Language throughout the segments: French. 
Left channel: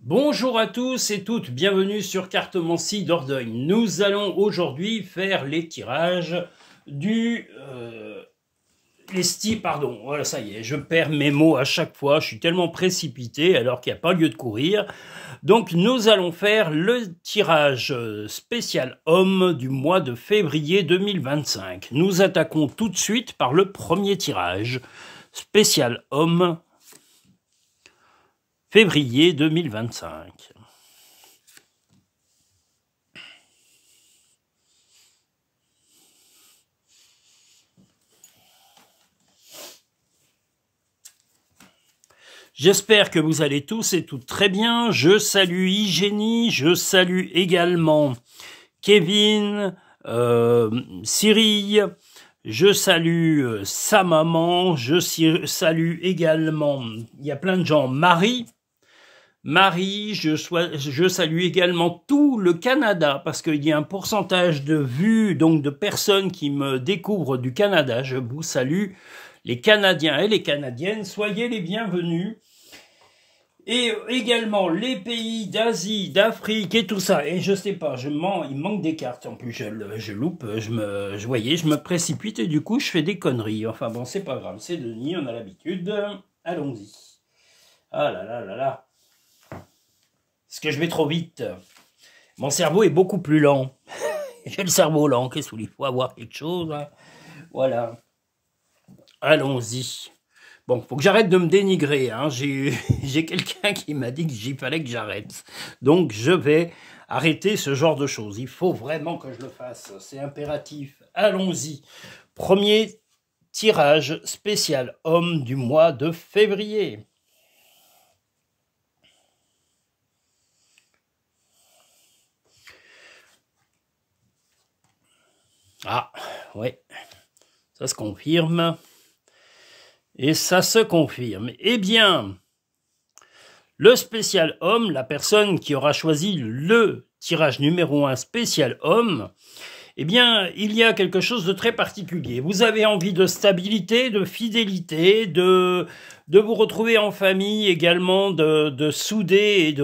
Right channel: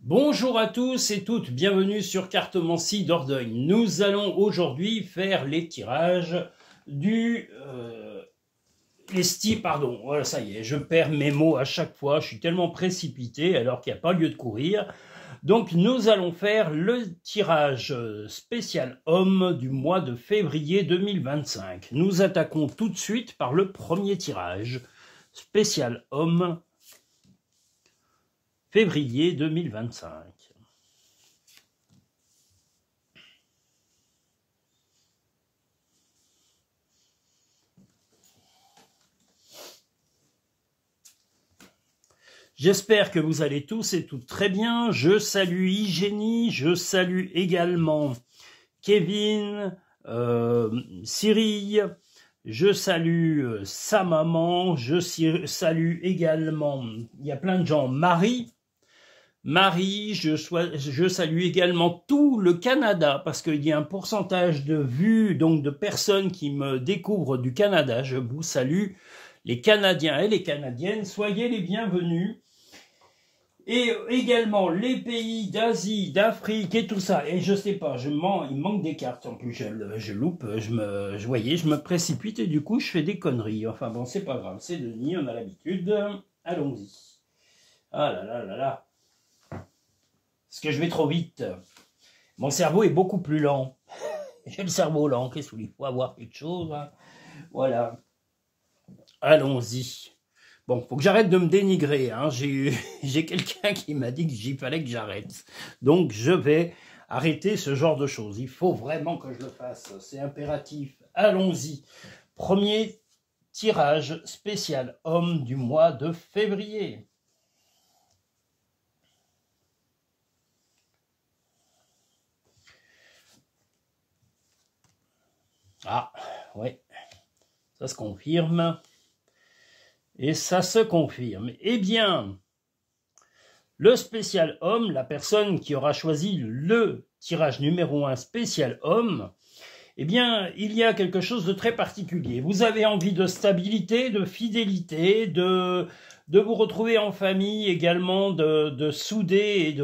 Bonjour à tous et toutes, bienvenue sur Cartomancie Dordogne. Nous allons aujourd'hui faire les tirages du... pardon, voilà, ça y est, je perds mes mots à chaque fois, je suis tellement précipité alors qu'il n'y a pas lieu de courir. Donc nous allons faire le tirage spécial homme du mois de février 2025. Nous attaquons tout de suite par le premier tirage spécial homme février 2025. J'espère que vous allez tous et toutes très bien. Je salue Hygiénie, je salue également Kevin, Cyril, je salue sa maman, je salue également, il y a plein de gens, Marie, je salue également tout le Canada, parce qu'il y a un pourcentage de vues, donc de personnes qui me découvrent du Canada. Je vous salue, les Canadiens et les Canadiennes, soyez les bienvenus. Et également les pays d'Asie, d'Afrique et tout ça. Et je sais pas, il manque des cartes. En plus, je loupe, je me précipite et du coup, je fais des conneries. Enfin bon, c'est pas grave, c'est Denis, on a l'habitude. Allons-y. Ah là là là là. Est-ce que je vais trop vite? Mon cerveau est beaucoup plus lent. J'ai le cerveau lent, qu'est-ce qu'il faut avoir quelque chose hein. Voilà. Allons-y. Bon, faut que j'arrête de me dénigrer. Hein. J'ai quelqu'un qui m'a dit qu'il fallait que j'arrête. Donc, je vais arrêter ce genre de choses. Il faut vraiment que je le fasse. C'est impératif. Allons-y. Premier tirage spécial homme du mois de février. Ah, ouais. Ça se confirme. Et ça se confirme. Eh bien, le spécial homme, la personne qui aura choisi le tirage numéro 1 spécial homme, eh bien, il y a quelque chose de très particulier. Vous avez envie de stabilité, de fidélité, de vous retrouver en famille également, de souder et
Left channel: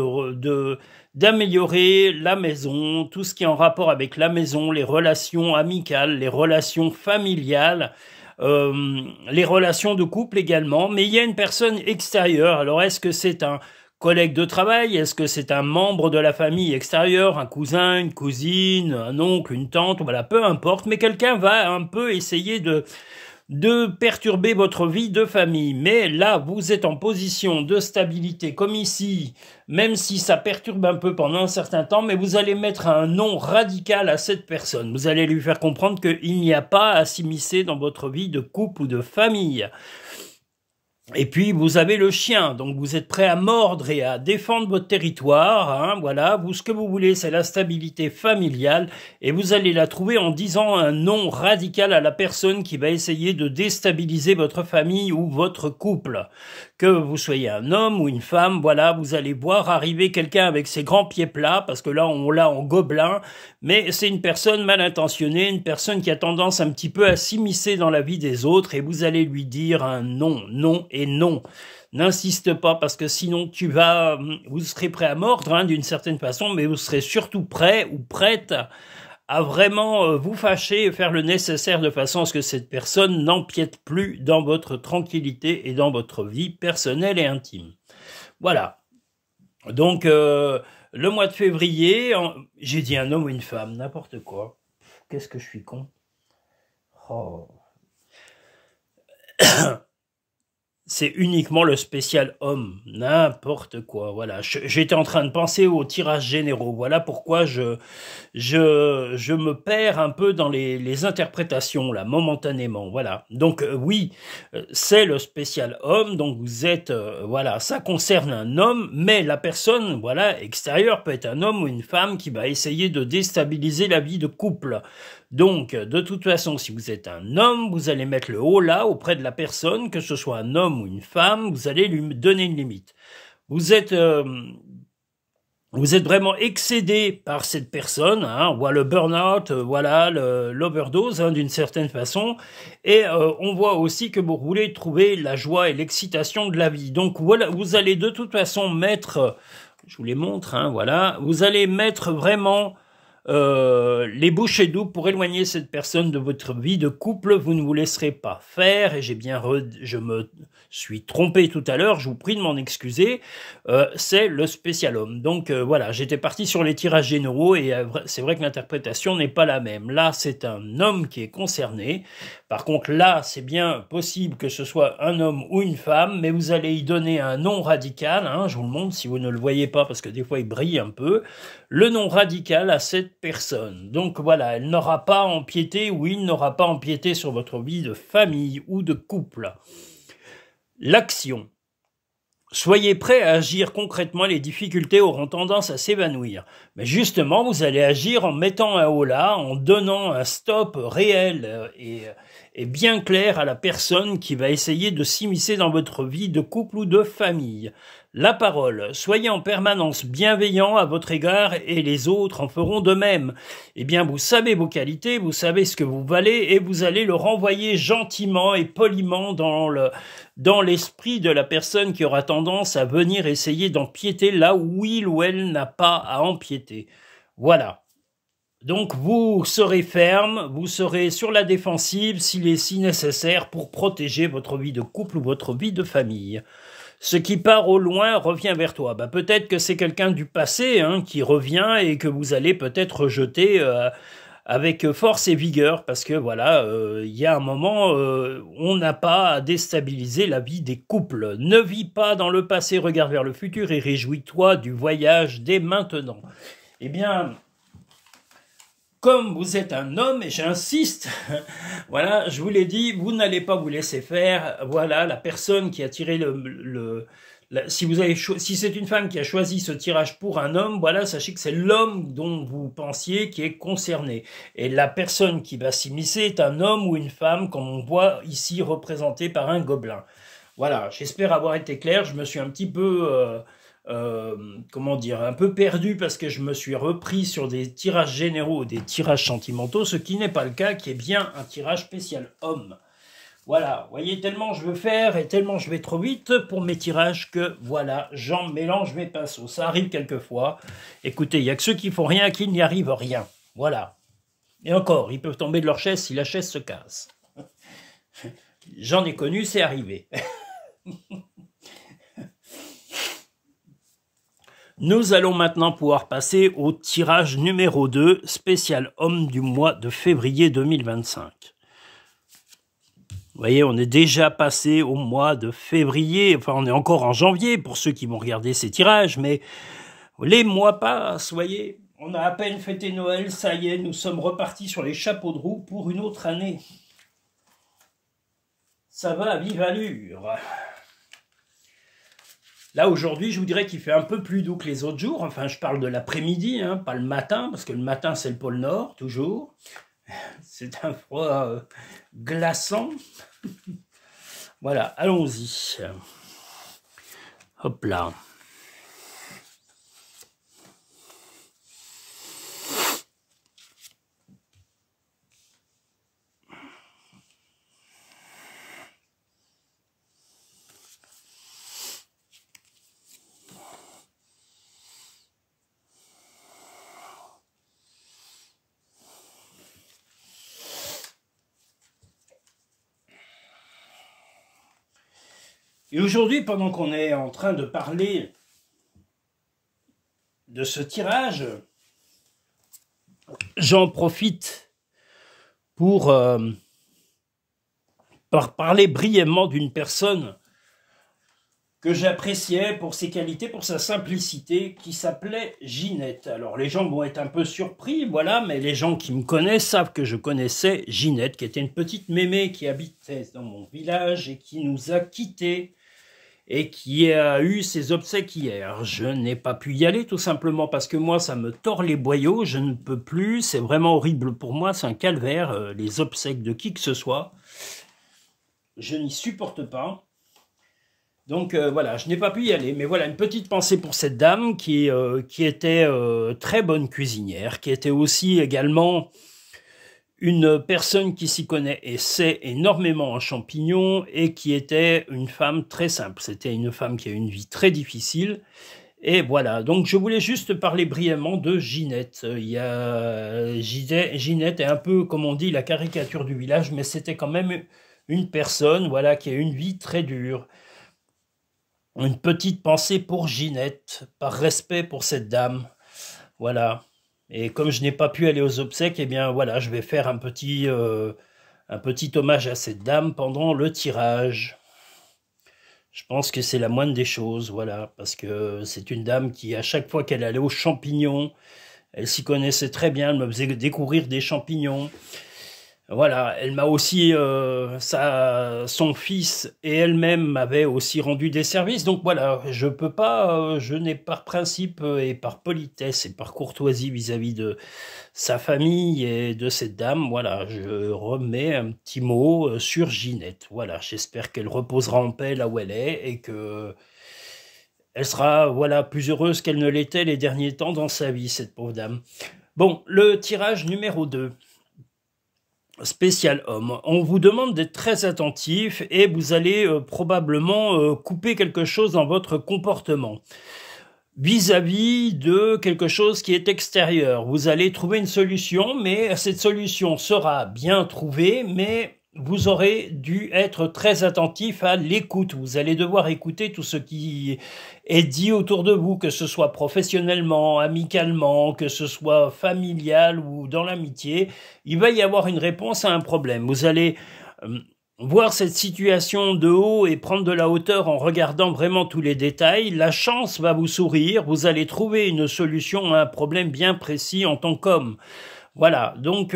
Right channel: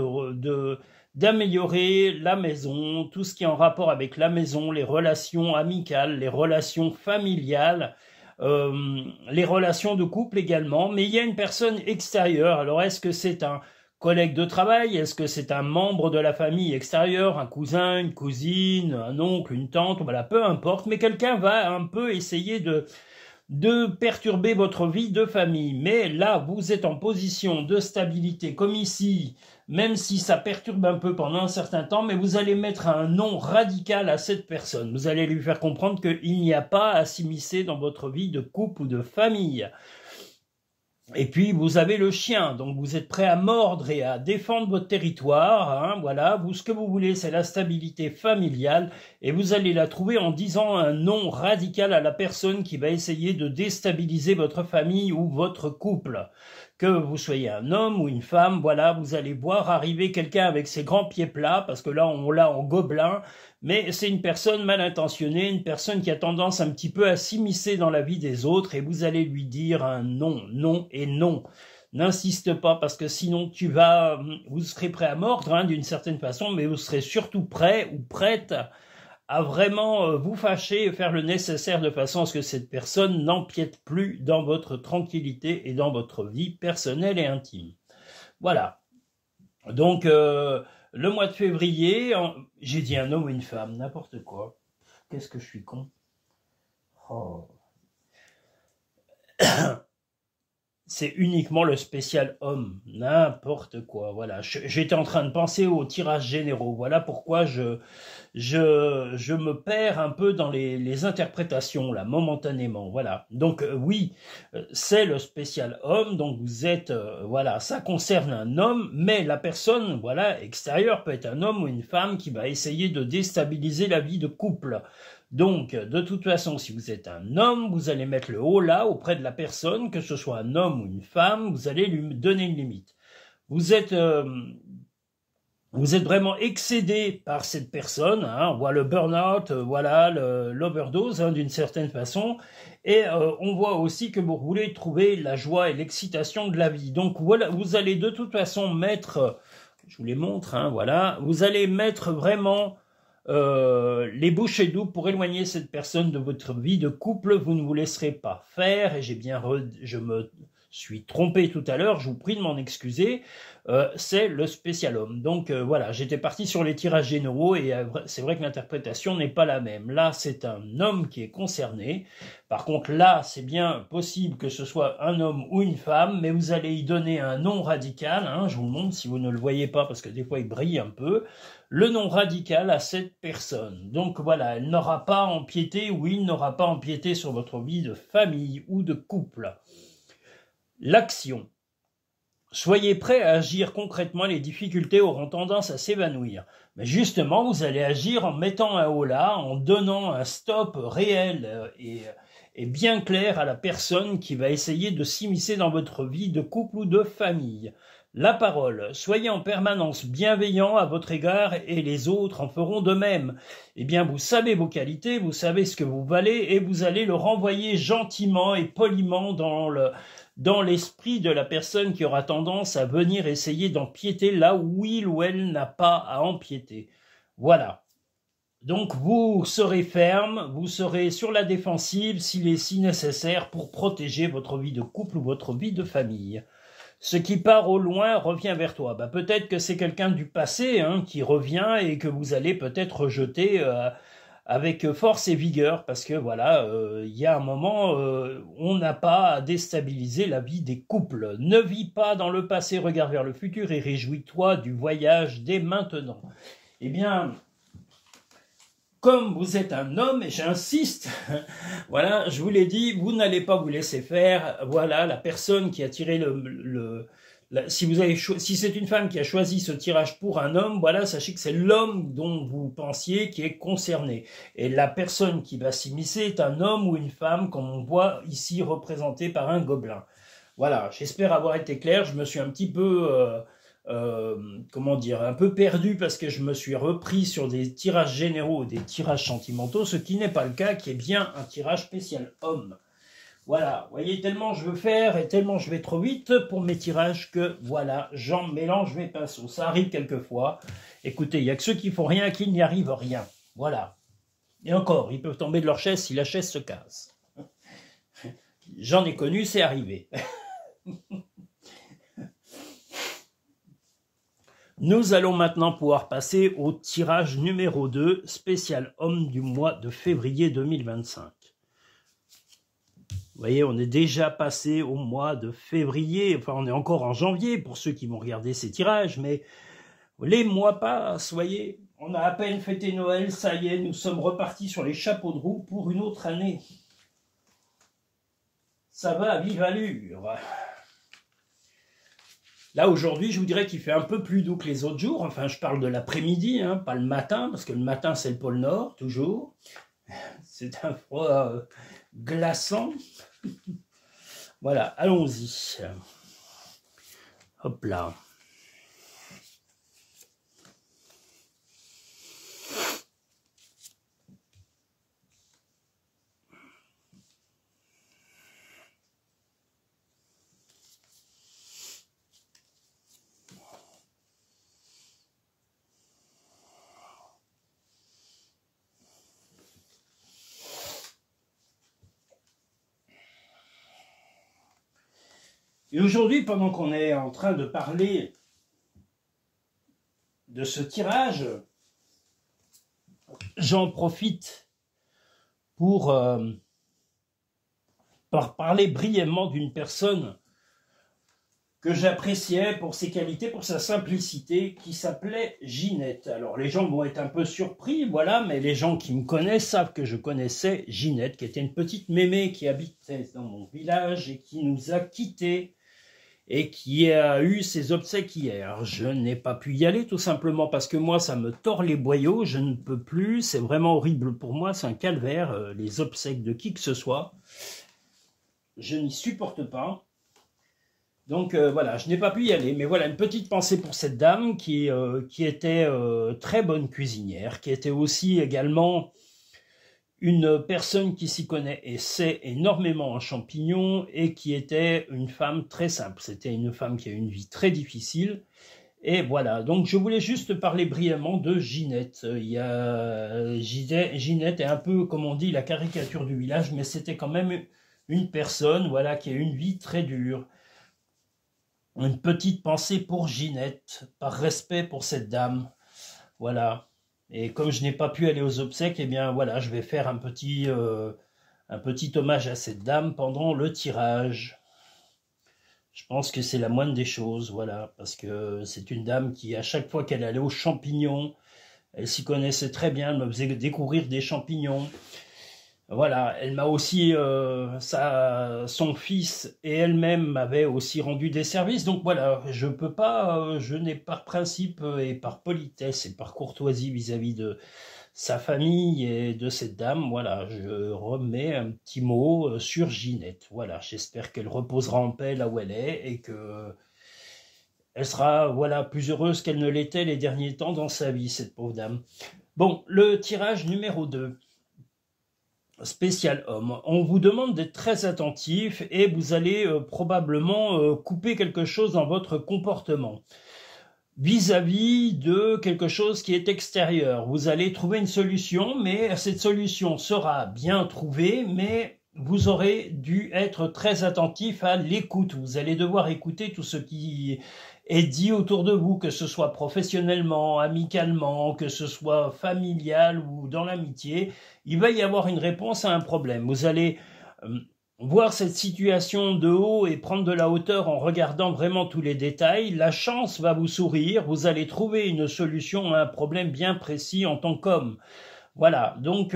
d'améliorer la maison, tout ce qui est en rapport avec la maison, les relations amicales, les relations familiales, les relations de couple également, mais il y a une personne extérieure. Alors, est-ce que c'est un collègue de travail? Est-ce que c'est un membre de la famille extérieure, un cousin, une cousine, un oncle, une tante? Voilà, peu importe, mais quelqu'un va un peu essayer de perturber votre vie de famille. Mais là, vous êtes en position de stabilité, comme ici, même si ça perturbe un peu pendant un certain temps, mais vous allez mettre un non radical à cette personne. Vous allez lui faire comprendre qu'il n'y a pas à s'immiscer dans votre vie de couple ou de famille. Et puis, vous avez le chien, donc vous êtes prêt à mordre et à défendre votre territoire. Hein, voilà, ce que vous voulez, c'est la stabilité familiale. Et vous allez la trouver en disant un non radical à la personne qui va essayer de déstabiliser votre famille ou votre couple. Que vous soyez un homme ou une femme, voilà, vous allez voir arriver quelqu'un avec ses grands pieds plats, parce que là, on l'a en gobelin, mais c'est une personne mal intentionnée, une personne qui a tendance un petit peu à s'immiscer dans la vie des autres, et vous allez lui dire un non, non et non. N'insiste pas, parce que sinon vous serez prêt à mordre, hein, d'une certaine façon, mais vous serez surtout prêt ou prête à vraiment vous fâcher et faire le nécessaire de façon à ce que cette personne n'empiète plus dans votre tranquillité et dans votre vie personnelle et intime. Voilà. Donc, le mois de février, j'ai dit un homme ou une femme, n'importe quoi. Qu'est-ce que je suis con. Oh. C'est uniquement le spécial homme, n'importe quoi, voilà. J'étais en train de penser aux tirages généraux, voilà pourquoi je me perds un peu dans les interprétations, là, momentanément, voilà. Donc, oui, c'est le spécial homme, donc vous êtes, voilà, ça concerne un homme, mais la personne, voilà, extérieure peut être un homme ou une femme qui va essayer de déstabiliser la vie de couple. Donc, de toute façon, si vous êtes un homme, vous allez mettre le haut là auprès de la personne, que ce soit un homme ou une femme, vous allez lui donner une limite. Vous êtes vraiment excédé par cette personne, hein, on voit le burn-out, voilà, l'overdose, hein, d'une certaine façon, et on voit aussi que vous voulez trouver la joie et l'excitation de la vie. Donc voilà, vous allez de toute façon mettre je vous les montre, hein, voilà. Vous allez mettre vraiment les bouchées doubles pour éloigner cette personne de votre vie de couple. Vous ne vous laisserez pas faire, et je me suis trompé tout à l'heure, je vous prie de m'en excuser, c'est le spécial homme. Donc voilà, j'étais parti sur les tirages généraux, et c'est vrai que l'interprétation n'est pas la même. Là, c'est un homme qui est concerné. Par contre, là, c'est bien possible que ce soit un homme ou une femme, mais vous allez y donner un nom radical, hein, je vous le montre si vous ne le voyez pas, parce que des fois il brille un peu, le nom radical à cette personne. Donc voilà, elle n'aura pas empiété, ou il n'aura pas empiété sur votre vie de famille ou de couple. L'action. Soyez prêts à agir concrètement, les difficultés auront tendance à s'évanouir. Mais justement, vous allez agir en mettant un holà, en donnant un stop réel et bien clair à la personne qui va essayer de s'immiscer dans votre vie de couple ou de famille. La parole. Soyez en permanence bienveillant à votre égard, et les autres en feront de même. Eh bien, vous savez vos qualités, vous savez ce que vous valez, et vous allez le renvoyer gentiment et poliment dans l'esprit de la personne qui aura tendance à venir essayer d'empiéter là où il ou elle n'a pas à empiéter. Voilà. Donc vous serez ferme, vous serez sur la défensive s'il est si nécessaire pour protéger votre vie de couple ou votre vie de famille. Ce qui part au loin revient vers toi. Bah, peut-être que c'est quelqu'un du passé, hein, qui revient et que vous allez peut-être rejeter avec force et vigueur, parce que voilà, il y a un moment, on n'a pas à déstabiliser la vie des couples. Ne vis pas dans le passé, regarde vers le futur et réjouis-toi du voyage dès maintenant. Eh bien, comme vous êtes un homme, et j'insiste, voilà, je vous l'ai dit, vous n'allez pas vous laisser faire. Voilà, la personne qui a tiré si c'est une femme qui a choisi ce tirage pour un homme, voilà, sachez que c'est l'homme dont vous pensiez qui est concerné. Et la personne qui va s'immiscer est un homme ou une femme, comme on voit ici représenté par un gobelin. Voilà, j'espère avoir été clair. Je me suis un petit peu... comment dire, un peu perdu parce que je me suis repris sur des tirages généraux, des tirages sentimentaux, ce qui n'est pas le cas, qui est bien un tirage spécial homme. Voilà, vous voyez, tellement je veux faire et tellement je vais trop vite pour mes tirages que, voilà, j'en mélange mes pinceaux. Ça arrive quelquefois. Écoutez, il n'y a que ceux qui font rien qui n'y arrivent rien. Voilà. Et encore, ils peuvent tomber de leur chaise si la chaise se casse. J'en ai connu, c'est arrivé. Nous allons maintenant pouvoir passer au tirage numéro 2, spécial homme du mois de février 2025. Vous voyez, on est déjà passé au mois de février, enfin on est encore en janvier pour ceux qui vont regarder ces tirages, mais les mois passent, vous voyez, on a à peine fêté Noël, ça y est, nous sommes repartis sur les chapeaux de roue pour une autre année. Ça va à vive allure. Là, aujourd'hui, je vous dirais qu'il fait un peu plus doux que les autres jours. Enfin, je parle de l'après-midi, hein, pas le matin, parce que le matin, c'est le pôle Nord, toujours. C'est un froid glaçant. Voilà, allons-y. Hop là. Et aujourd'hui, pendant qu'on est en train de parler de ce tirage, j'en profite pour parler brièvement d'une personne que j'appréciais pour ses qualités, pour sa simplicité, qui s'appelait Ginette. Alors les gens vont être un peu surpris, voilà, mais les gens qui me connaissent savent que je connaissais Ginette, qui était une petite mémé qui habitait dans mon village et qui nous a quittés et qui a eu ses obsèques hier. Je n'ai pas pu y aller tout simplement parce que moi ça me tord les boyaux, je ne peux plus, c'est vraiment horrible pour moi, c'est un calvaire, les obsèques de qui que ce soit. Je n'y supporte pas. Donc voilà, je n'ai pas pu y aller, mais voilà, une petite pensée pour cette dame qui était très bonne cuisinière, qui était aussi également une personne qui s'y connaît et sait énormément en champignons et qui était une femme très simple. C'était une femme qui a eu une vie très difficile Et voilà, donc je voulais juste parler brièvement de Ginette. Il y a Ginette est un peu, comme on dit, la caricature du village, mais c'était quand même une personne, voilà, qui a une vie très dure. Une petite pensée pour Ginette, par respect pour cette dame, voilà. Et comme je n'ai pas pu aller aux obsèques, eh bien voilà, je vais faire un petit hommage à cette dame pendant le tirage. Je pense que c'est la moindre des choses, voilà, parce que c'est une dame qui, à chaque fois qu'elle allait aux champignons, elle s'y connaissait très bien, elle me faisait découvrir des champignons. Voilà, elle m'a aussi, son fils et elle-même m'avaient aussi rendu des services. Donc voilà, je peux pas, je n'ai par principe et par politesse et par courtoisie vis-à-vis de sa famille et de cette dame, voilà, je remets un petit mot sur Ginette. Voilà, j'espère qu'elle reposera en paix là où elle est et que elle sera, voilà, plus heureuse qu'elle ne l'était les derniers temps dans sa vie, cette pauvre dame. Bon, le tirage numéro 2. Spécial homme. On vous demande d'être très attentif et vous allez probablement couper quelque chose dans votre comportement vis-à-vis de quelque chose qui est extérieur. Vous allez trouver une solution, mais cette solution sera bien trouvée, mais vous aurez dû être très attentif à l'écoute. Vous allez devoir écouter tout ce qui est dit autour de vous, que ce soit professionnellement, amicalement, que ce soit familial ou dans l'amitié. Il va y avoir une réponse à un problème. Vous allez voir cette situation de haut et prendre de la hauteur en regardant vraiment tous les détails. La chance va vous sourire. Vous allez trouver une solution à un problème bien précis en tant qu'homme. Voilà, donc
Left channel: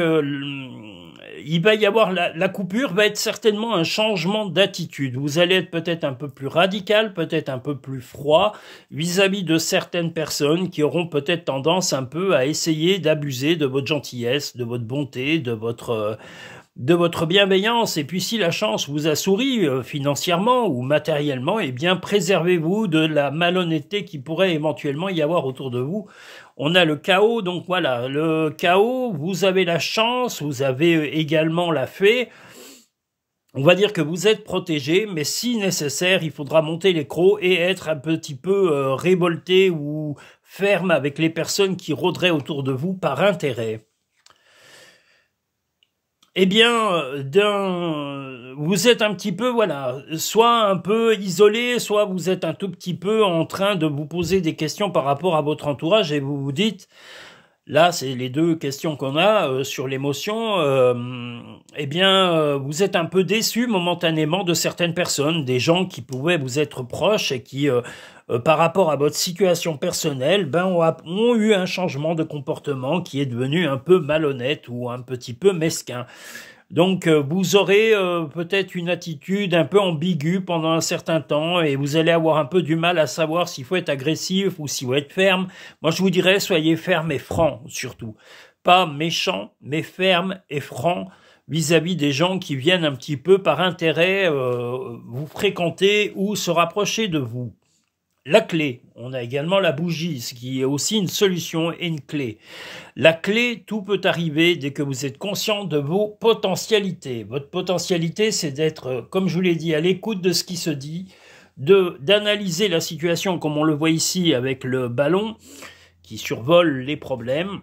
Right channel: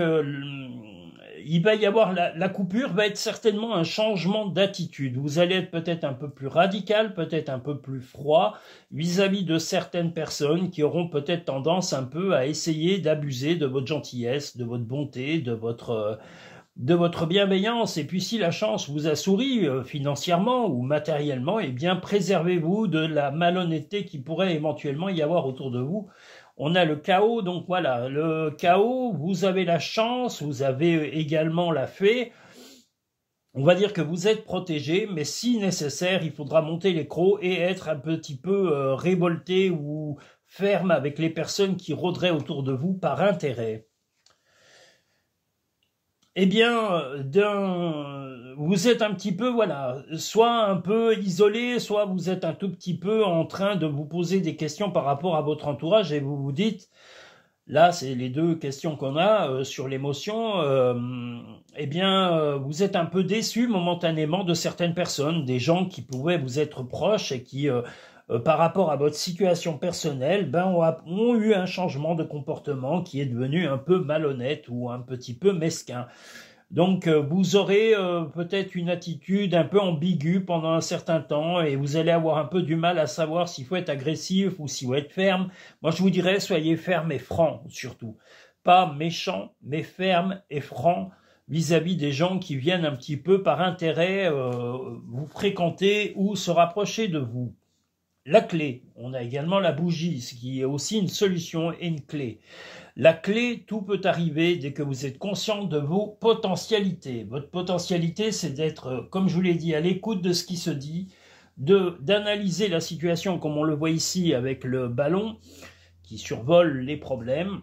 il va y avoir la coupure va être certainement un changement d'attitude. Vous allez être peut-être un peu plus radical, peut-être un peu plus froid vis-à-vis de certaines personnes qui auront peut-être tendance un peu à essayer d'abuser de votre gentillesse, de votre bonté, de votre bienveillance. Et puis si la chance vous a souri financièrement ou matériellement, eh bien préservez-vous de la malhonnêteté qui pourrait éventuellement y avoir autour de vous. On a le chaos, donc voilà, le chaos, vous avez la chance, vous avez également la fée. On va dire que vous êtes protégé, mais si nécessaire, il faudra monter les crocs et être un petit peu révolté ou ferme avec les personnes qui rôderaient autour de vous par intérêt. Eh bien, vous êtes un petit peu, voilà, soit un peu isolé, soit vous êtes un tout petit peu en train de vous poser des questions par rapport à votre entourage et vous vous dites, là, c'est les deux questions qu'on a sur l'émotion, eh bien, vous êtes un peu déçu momentanément de certaines personnes, des gens qui pouvaient vous être proches et qui, par rapport à votre situation personnelle, ben, ont eu un changement de comportement qui est devenu un peu malhonnête ou un petit peu mesquin. Donc, vous aurez peut-être une attitude un peu ambiguë pendant un certain temps et vous allez avoir un peu du mal à savoir s'il faut être agressif ou s'il faut être ferme. Moi, je vous dirais, soyez ferme et franc, surtout. Pas méchant, mais ferme et franc vis-à-vis des gens qui viennent un petit peu par intérêt vous fréquenter ou se rapprocher de vous. La clé, on a également la bougie, ce qui est aussi une solution et une clé. La clé, tout peut arriver dès que vous êtes conscient de vos potentialités. Votre potentialité, c'est d'être, comme je vous l'ai dit, à l'écoute de ce qui se dit, d'analyser la situation comme on le voit ici avec le ballon qui survole les problèmes.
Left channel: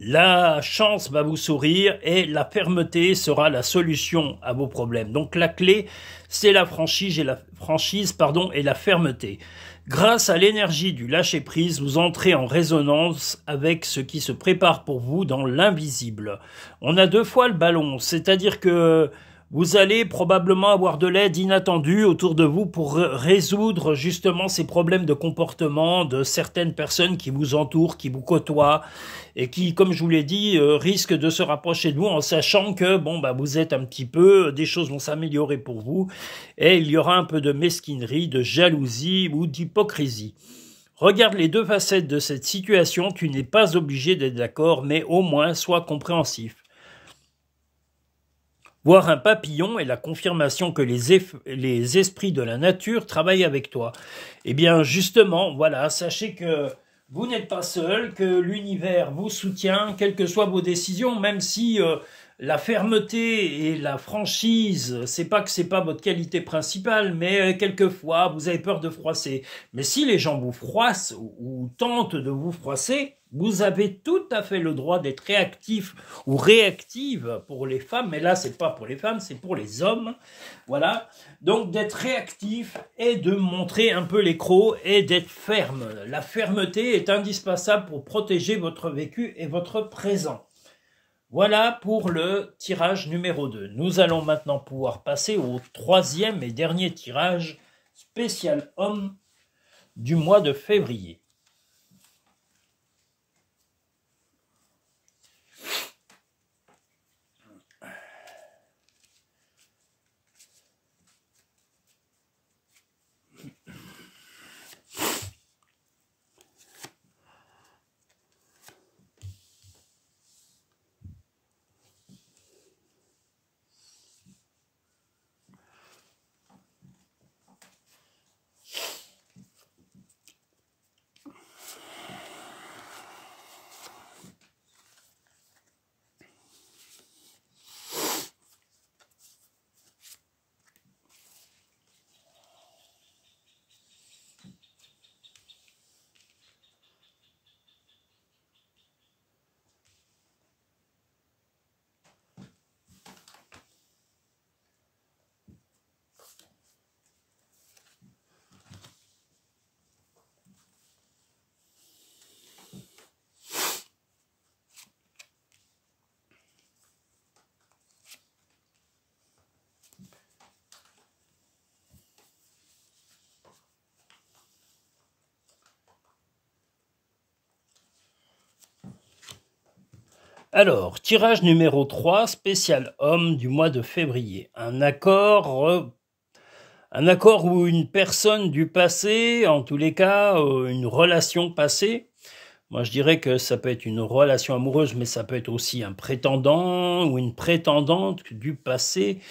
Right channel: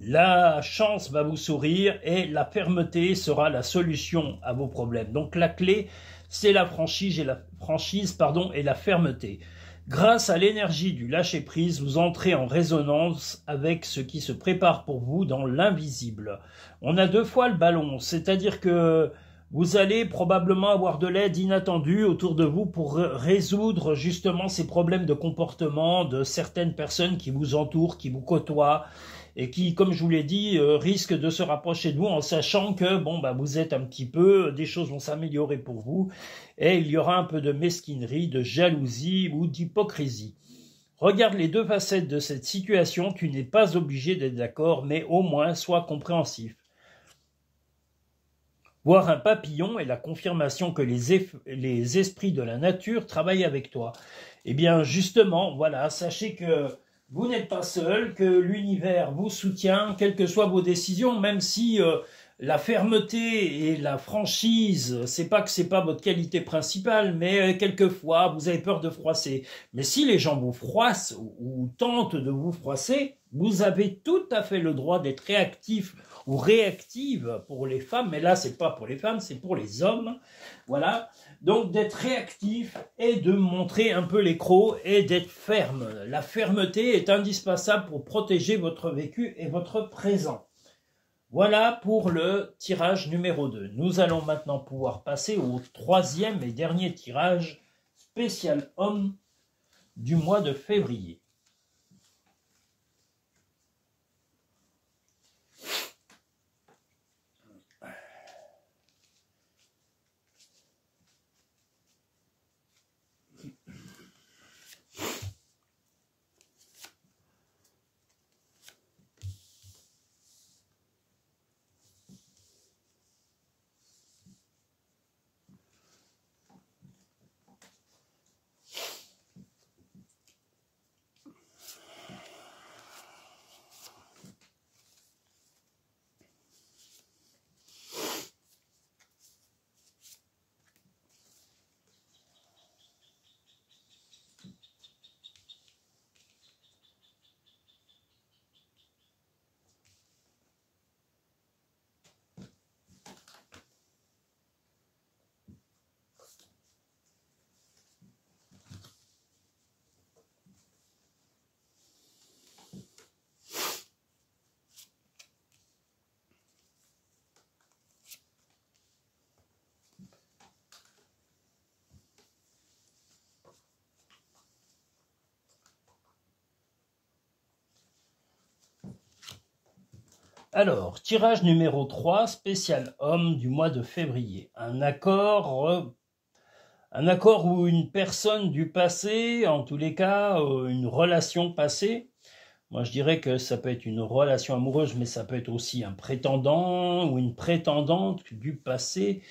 La chance va vous sourire et la fermeté sera la solution à vos problèmes. Donc la clé, c'est la franchise et la fermeté. Grâce à l'énergie du lâcher-prise, vous entrez en résonance avec ce qui se prépare pour vous dans l'invisible. On a deux fois le ballon, c'est-à-dire que vous allez probablement avoir de l'aide inattendue autour de vous pour résoudre justement ces problèmes de comportement de certaines personnes qui vous entourent, qui vous côtoient et qui, comme je vous l'ai dit, risquent de se rapprocher de vous en sachant que bon, bah, vous êtes un petit peu, des choses vont s'améliorer pour vous et il y aura un peu de mesquinerie, de jalousie ou d'hypocrisie. Regarde les deux facettes de cette situation, tu n'es pas obligé d'être d'accord, mais au moins sois compréhensif. Voir un papillon est la confirmation que les esprits de la nature travaillent avec toi. Eh bien, justement, voilà, sachez que vous n'êtes pas seul, que l'univers vous soutient, quelles que soient vos décisions, même si la fermeté et la franchise, c'est pas que c'est pas votre qualité principale, mais quelquefois vous avez peur de froisser. Mais si les gens vous froissent ou tentent de vous froisser, vous avez tout à fait le droit d'être réactif ou réactive pour les femmes, mais là c'est pas pour les femmes, c'est pour les hommes. Voilà. Donc d'être réactif et de montrer un peu les crocs et d'être ferme. La fermeté est indispensable pour protéger votre vécu et votre présent. Voilà pour le tirage numéro 2. Nous allons maintenant pouvoir passer au troisième et dernier tirage spécial homme du mois de février. Alors, tirage numéro 3, spécial homme du mois de février. Un accord où une personne du passé, en tous les cas, une relation passée, moi je dirais que ça peut être une relation amoureuse, mais ça peut être aussi un prétendant ou une prétendante du passé,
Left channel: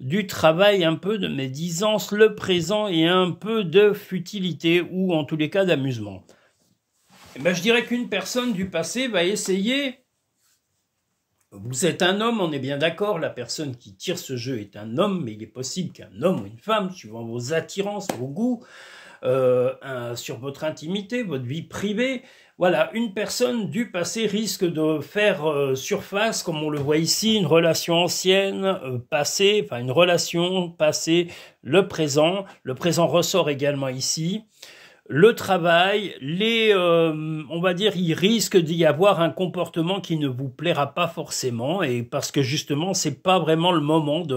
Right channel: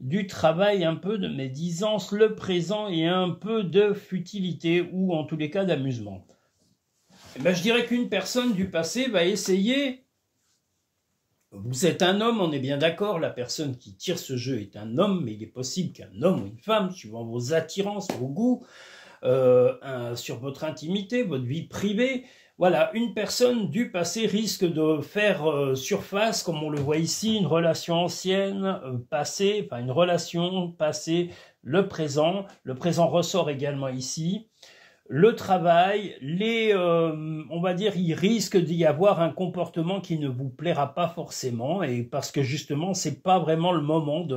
du travail, un peu de médisance, le présent et un peu de futilité ou en tous les cas d'amusement. Je dirais qu'une personne du passé va essayer... Vous êtes un homme, on est bien d'accord, la personne qui tire ce jeu est un homme, mais il est possible qu'un homme ou une femme, suivant vos attirances, vos goûts, sur votre intimité, votre vie privée, voilà, une personne du passé risque de faire surface, comme on le voit ici, une relation ancienne, passée, enfin une relation passée, le présent ressort également ici. Le travail, on va dire, il risque d'y avoir un comportement qui ne vous plaira pas forcément, et parce que justement, c'est pas vraiment le moment de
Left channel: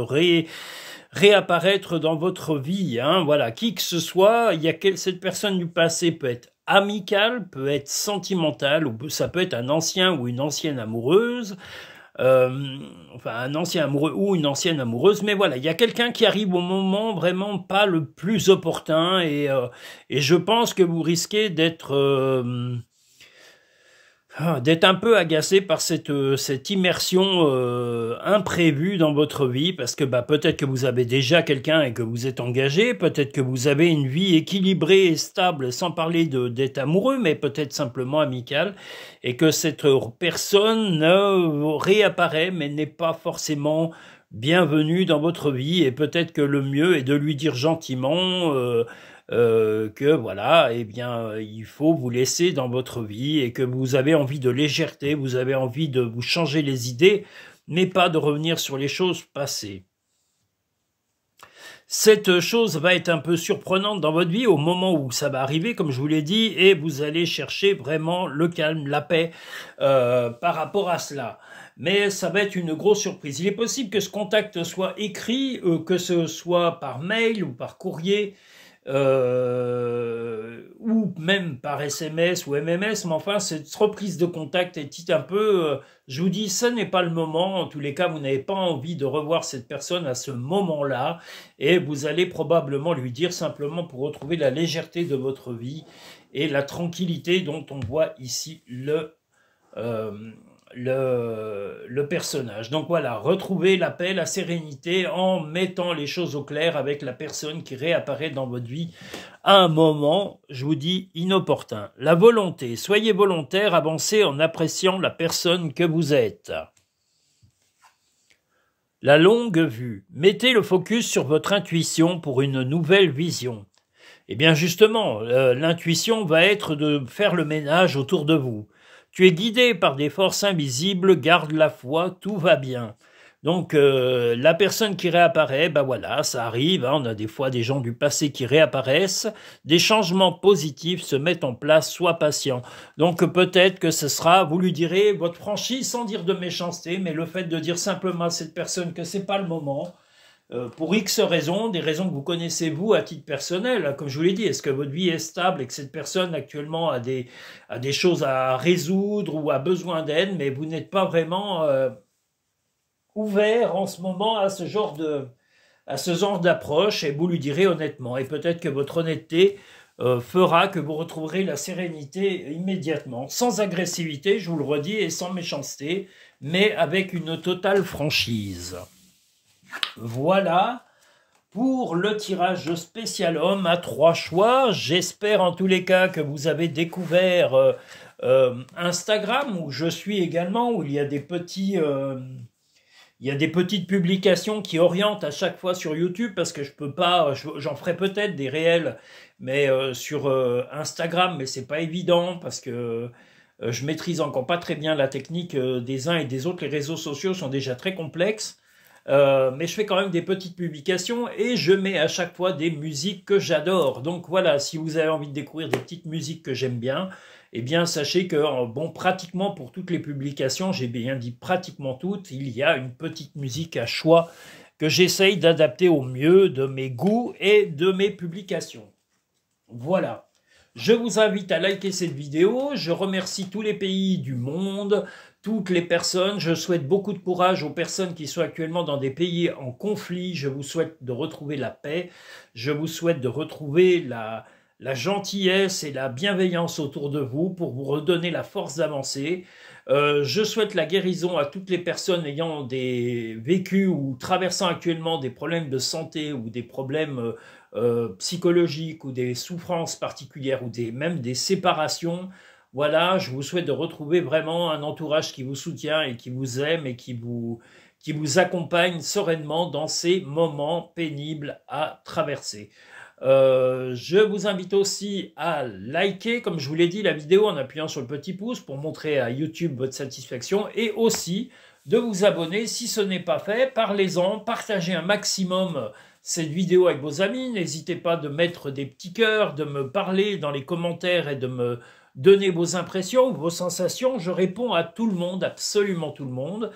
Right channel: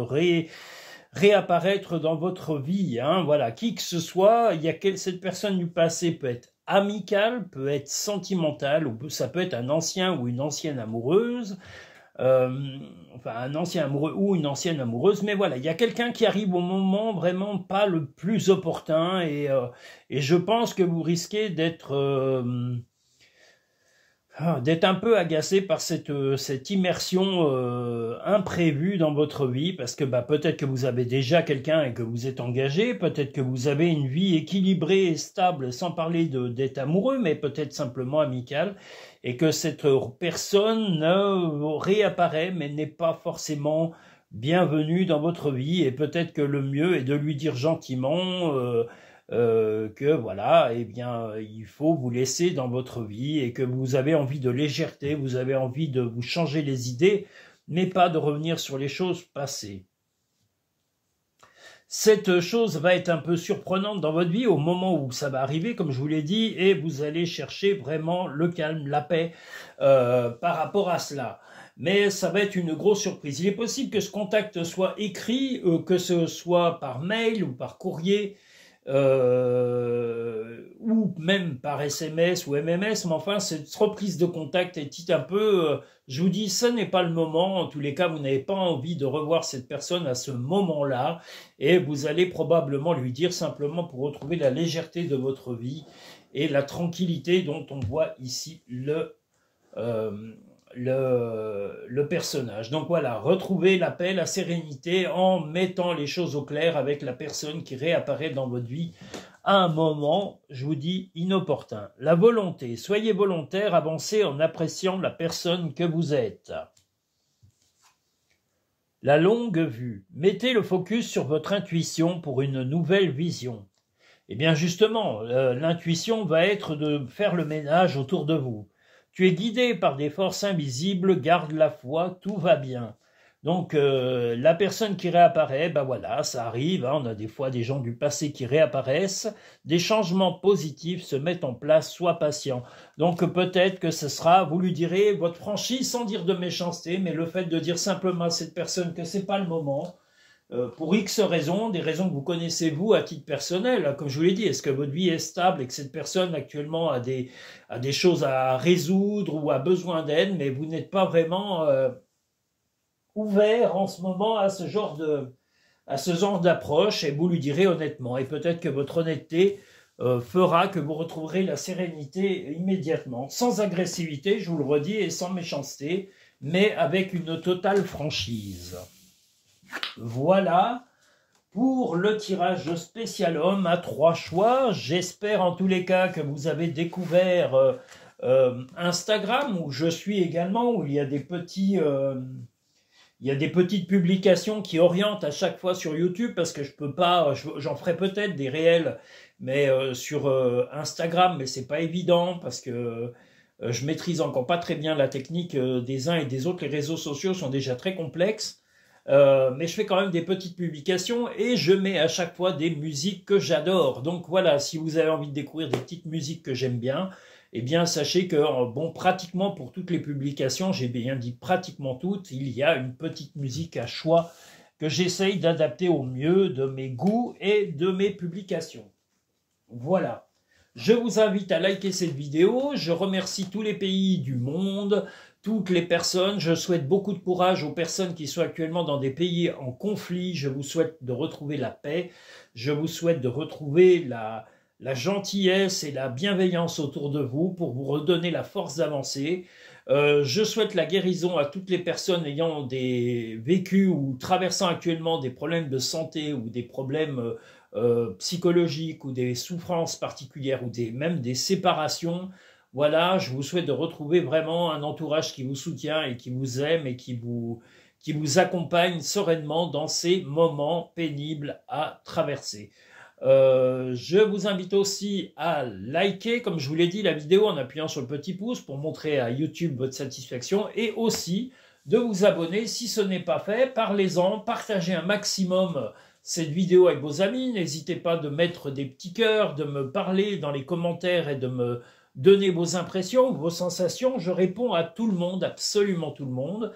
réapparaître dans votre vie. Hein. Voilà, qui que ce soit, cette personne du passé peut être amicale, peut être sentimentale, ou ça peut être un ancien ou une ancienne amoureuse. Enfin un ancien amoureux ou une ancienne amoureuse, mais voilà, il y a quelqu'un qui arrive au moment vraiment pas le plus opportun et je pense que vous risquez d'être un peu agacé par cette immersion imprévue dans votre vie, parce que peut-être que vous avez déjà quelqu'un et que vous êtes engagé, peut-être que vous avez une vie équilibrée et stable, sans parler d'être amoureux, mais peut-être simplement amicale, et que cette personne réapparaît, mais n'est pas forcément bienvenue dans votre vie, et peut-être que le mieux est de lui dire gentiment que voilà, eh bien, il faut vous laisser dans votre vie et que vous avez envie de légèreté, vous avez envie de vous changer les idées, mais pas de revenir sur les choses passées. Cette chose va être un peu surprenante dans votre vie au moment où ça va arriver, comme je vous l'ai dit, et vous allez chercher vraiment le calme, la paix par rapport à cela. Mais ça va être une grosse surprise. Il est possible que ce contact soit écrit, que ce soit par mail ou par courrier, ou même par SMS ou MMS, mais enfin cette reprise de contact est un peu, je vous dis, ce n'est pas le moment, en tous les cas vous n'avez pas envie de revoir cette personne à ce moment-là, et vous allez probablement lui dire simplement pour retrouver la légèreté de votre vie et la tranquillité dont on voit ici le personnage. Donc voilà, retrouver la paix, la sérénité en mettant les choses au clair avec la personne qui réapparaît dans votre vie à un moment, je vous dis, inopportun. La volonté, soyez volontaire, avancez en appréciant la personne que vous êtes. La longue vue. Mettez le focus sur votre intuition pour une nouvelle vision. Eh bien justement, l'intuition va être de faire le ménage autour de vous. Tu es guidé par des forces invisibles, garde la foi, tout va bien. Donc la personne qui réapparaît, ben voilà, ça arrive, hein, on a des fois des gens du passé qui réapparaissent, des changements positifs se mettent en place, sois patient. Donc peut-être que ce sera, vous lui direz votre franchise sans dire de méchanceté, mais le fait de dire simplement à cette personne que c'est pas le moment, pour X raisons, des raisons que vous connaissez vous à titre personnel, comme je vous l'ai dit, est-ce que votre vie est stable et que cette personne actuellement a des choses à résoudre ou a besoin d'aide, mais vous n'êtes pas vraiment ouvert en ce moment à ce genre d'approche, et vous lui direz honnêtement, et peut-être que votre honnêteté fera que vous retrouverez la sérénité immédiatement, sans agressivité, je vous le redis, et sans méchanceté, mais avec une totale franchise. Voilà pour le tirage spécial homme à 3 choix. J'espère en tous les cas que vous avez découvert Instagram, où je suis également, où il y a des petites publications qui orientent à chaque fois sur YouTube, parce que je peux pas, j'en ferai peut-être des réels, mais sur Instagram, mais c'est pas évident parce que je maîtrise encore pas très bien la technique des uns et des autres. Les réseaux sociaux sont déjà très complexes. Mais je fais quand même des petites publications et je mets à chaque fois des musiques que j'adore. Donc voilà, si vous avez envie de découvrir des petites musiques que j'aime bien, eh bien sachez que, bon, pratiquement pour toutes les publications, j'ai bien dit pratiquement toutes, il y a une petite musique à choix que j'essaye d'adapter au mieux de mes goûts et de mes publications. Voilà. Je vous invite à liker cette vidéo. Je remercie tous les pays du monde, toutes les personnes. Je souhaite beaucoup de courage aux personnes qui sont actuellement dans des pays en conflit. Je vous souhaite de retrouver la paix. Je vous souhaite de retrouver la gentillesse et la bienveillance autour de vous pour vous redonner la force d'avancer. Je souhaite la guérison à toutes les personnes ayant vécu ou traversant actuellement des problèmes de santé ou des problèmes psychologiques ou des souffrances particulières ou même des séparations. Voilà, je vous souhaite de retrouver vraiment un entourage qui vous soutient et qui vous aime et qui vous accompagne sereinement dans ces moments pénibles à traverser. Je vous invite aussi à liker, comme je vous l'ai dit, la vidéo en appuyant sur le petit pouce pour montrer à YouTube votre satisfaction, et aussi de vous abonner si ce n'est pas fait. Parlez-en, partagez un maximum cette vidéo avec vos amis. N'hésitez pas de mettre des petits cœurs, de me parler dans les commentaires et de me donner vos impressions, vos sensations. Je réponds à tout le monde, absolument tout le monde.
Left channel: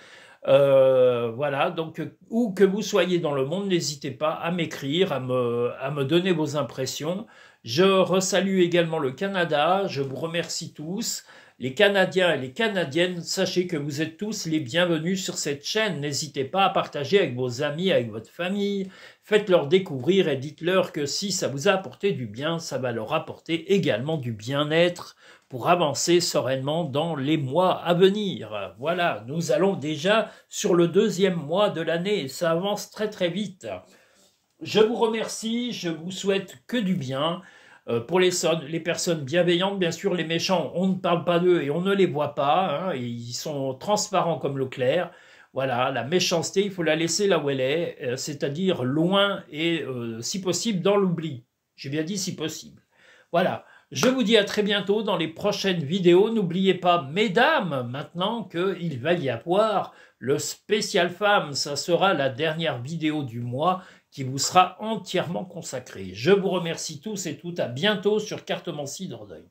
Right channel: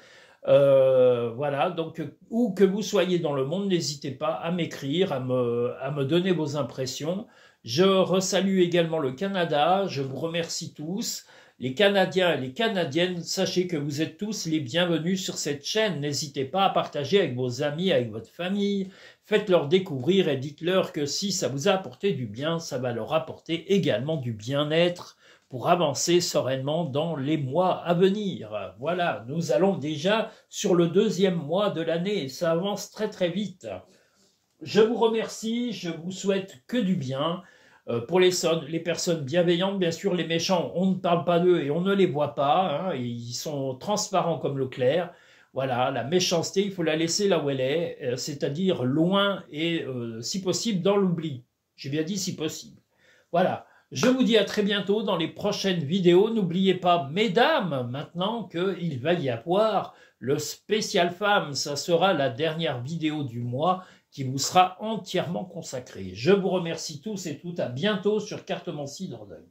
Voilà, donc où que vous soyez dans le monde, n'hésitez pas à m'écrire, à me donner vos impressions. Je resalue également le Canada, je vous remercie tous. Les Canadiens et les Canadiennes, sachez que vous êtes tous les bienvenus sur cette chaîne. N'hésitez pas à partager avec vos amis, avec votre famille. Faites-leur découvrir et dites-leur que si ça vous a apporté du bien, ça va leur apporter également du bien-être pour avancer sereinement dans les mois à venir. Voilà, nous allons déjà sur le 2e mois de l'année et ça avance très très vite. Je vous remercie, je vous souhaite que du bien. Pour les personnes bienveillantes, bien sûr, les méchants, on ne parle pas d'eux et on ne les voit pas, hein, ils sont transparents comme l'eau claire. Voilà, la méchanceté, il faut la laisser là où elle est, c'est-à-dire loin et, si possible, dans l'oubli. J'ai bien dit si possible. Voilà, je vous dis à très bientôt dans les prochaines vidéos. N'oubliez pas, mesdames, maintenant qu'il va y avoir le spécial femme. Ça sera la dernière vidéo du mois qui vous sera entièrement consacrée. Je vous remercie tous et toutes. À bientôt sur Cartomancie Dordogne.